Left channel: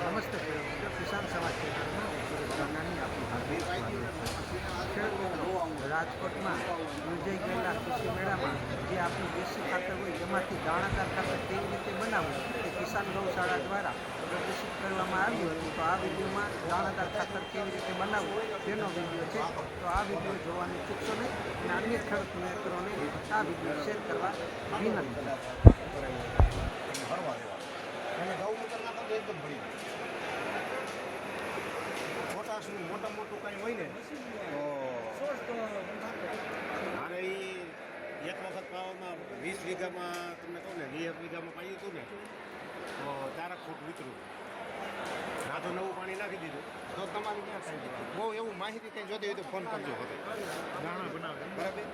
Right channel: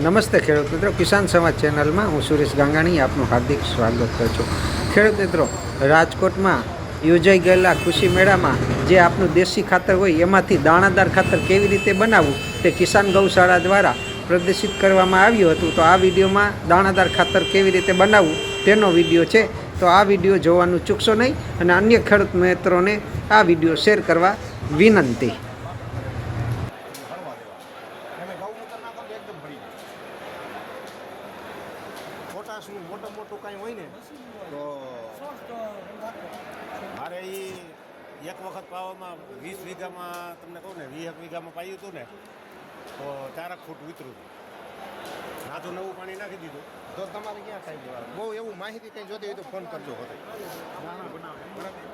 નમસ્તે ખેડૂત મિત્રો, કિસાન સમાજ ચેનલમાં હું સુરેશ ગાંગાણી આપનું હાર્દિક સ્વાગત કરું છું. ખેડૂત મિત્રો, રાજકોટમાં યોજાઈ ગયેલા કૃષિ મેળામાં જે આપનું દેશી ખાતર હોય એમાંથી દાણાદાર ખાતર કેવી રીતે બનાવવું તે કિસાન ગૌશાળા દ્વારા પ્રદર્શિત કરવામાં આવ્યું હતું. તો આ વિડીયોમાં દાણાદાર ખાતર કેવી રીતે બનાવવું તેનો વિડીયો છે. તો આ વિડીયો જોવાનું ચૂકશો નહીં અને અન્ય ખેડૂત મિત્રોને આ વિડીયો શેર કરવા વિનંતી. મોટું કાંઈ હોય ને તો મારે એક વખત પાવામાં 20 વીઘામાં તમને કહું ને 20 વીઘામાં પાયું હતું ને તો 4 ફૂટ વિતરું નાથું નવું પાણી નાખી દીધું. તો તમારે ક્યાં થાય દેવાનું બહુ એવું માહિતી કંઈ જોતી હોય તો ફોન કરજો હતો બરાબર.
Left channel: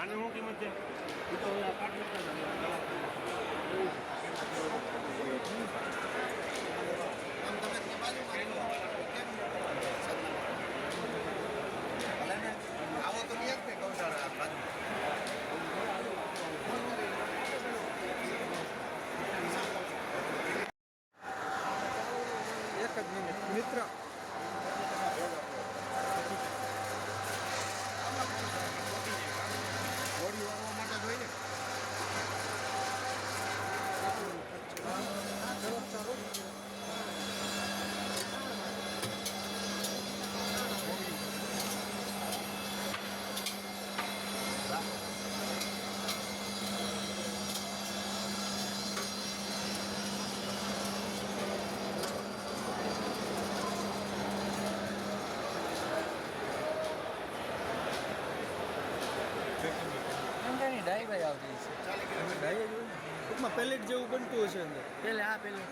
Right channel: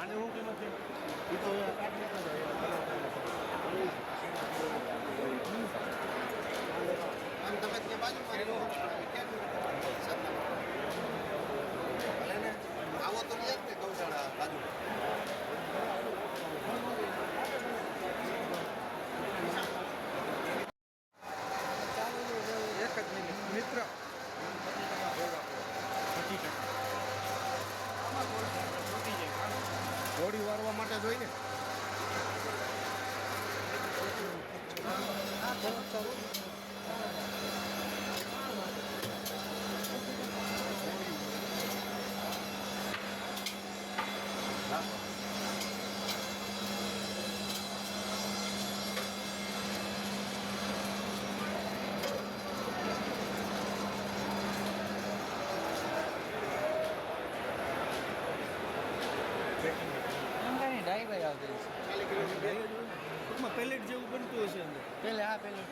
આને શું કિંમત છે એ તો મિત્ર હોળી વાળવા માટે જોઈ ને ડાઈ ભાઈ આવતી છે ટૂંકમાં પેલેટ જેવું બનતું હશે અંદર પેલે આ પેલે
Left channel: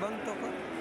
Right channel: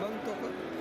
બંધ તો કર